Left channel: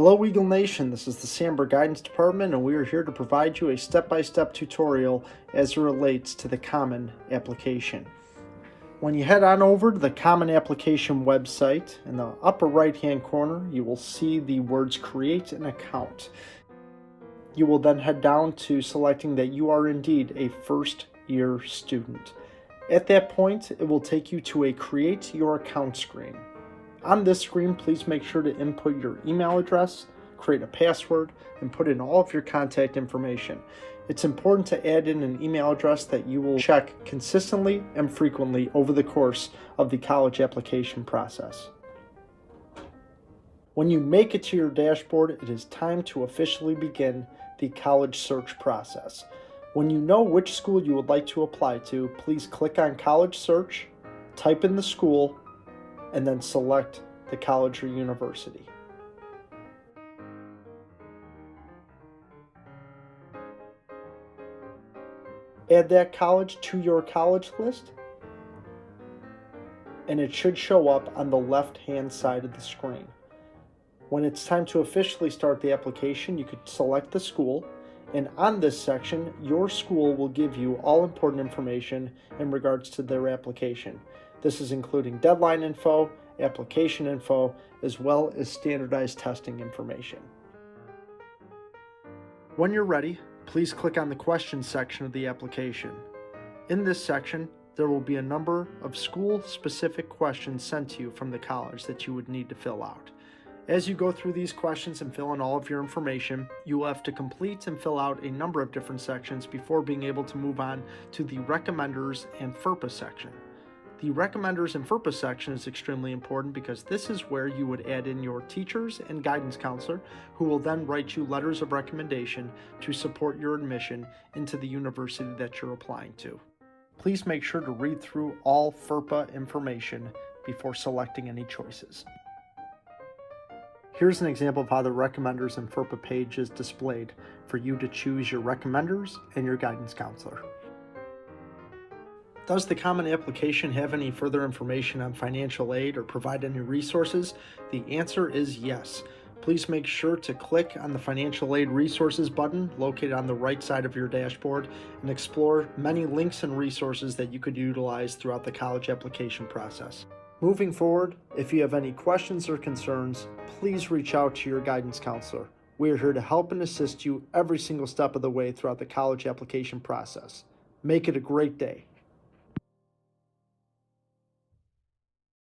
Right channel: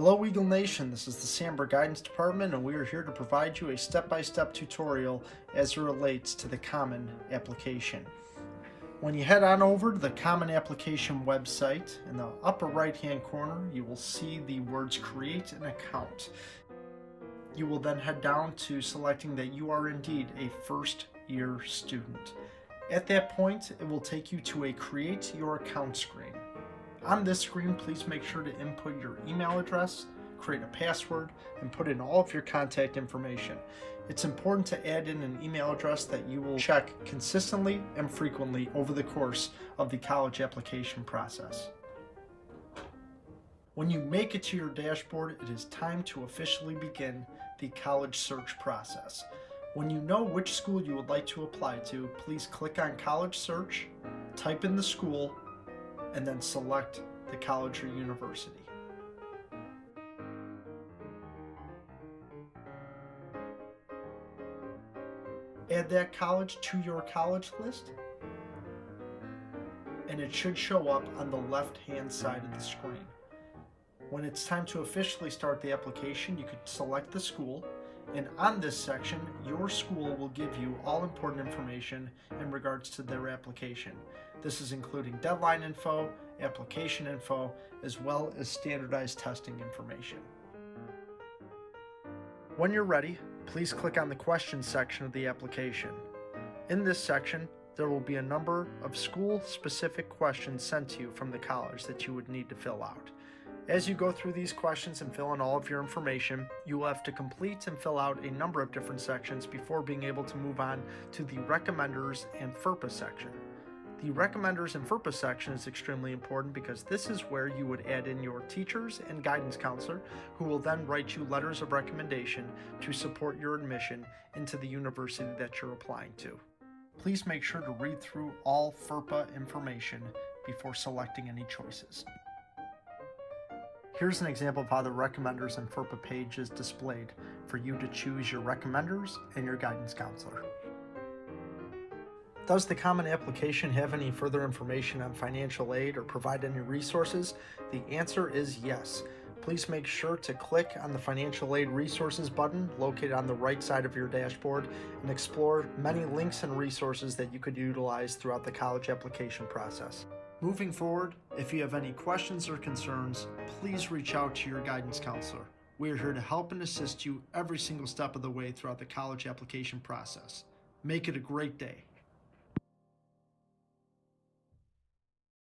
Hello Eagle Nation, this is the Sandberg Guidance Department and we are here to provide you a step-by-step tutorial as it relates to the Common Application. When you head on over to the Common Application website, in the upper right hand corner you will see the words Create an Account. You will then head down to selecting that you are indeed a first year student. At that point it will take you to a Create Your Account screen. On this screen, please make sure to input your email address, create a password, and put in all of your contact information. It's important to add in an email address that you will check consistently and frequently over the course of the college application process. When you make it to your dashboard, it is time to officially begin the college search process. When you know which school you would like to apply to, please click on College Search, type in the school, and then select the college or university. Add that college to your college list, and it should show up on the left-hand side of the screen. When it's time to officially start the application, you could select the school, and on this section, your school will give you all important information in regards to their application. This is including deadline info, application info, as well as standardized testing information. When you're ready, please click on the questions section of the application. In this section, there will be a number of school-specific questions sent to you from the college that you would need to fill out. As you go through these questions and fill in all of your information, you will have to complete and fill out a number of different sections before being able to move on to the Recommenders and FERPA section. The Recommenders and FERPA section is extremely important because this is where you would add in your teachers and guidance counselor, who will then write you letters of recommendation to support your admission into the university that you're applying to. Please make sure to read through all FERPA information before selecting any choices. Here's an example of how the Recommenders and FERPA page is displayed for you to choose your recommenders and your guidance counselor. Does the Common Application have any further information on financial aid or provide any resources? The answer is yes. Please make sure to click on the Financial Aid Resources button located on the right side of your dashboard and explore many links and resources that you could utilize throughout the college application process. Moving forward, if you have any questions or concerns, please reach out to your guidance counselor. We are here to help and assist you every single step of the way throughout the college application process. Make it a great day.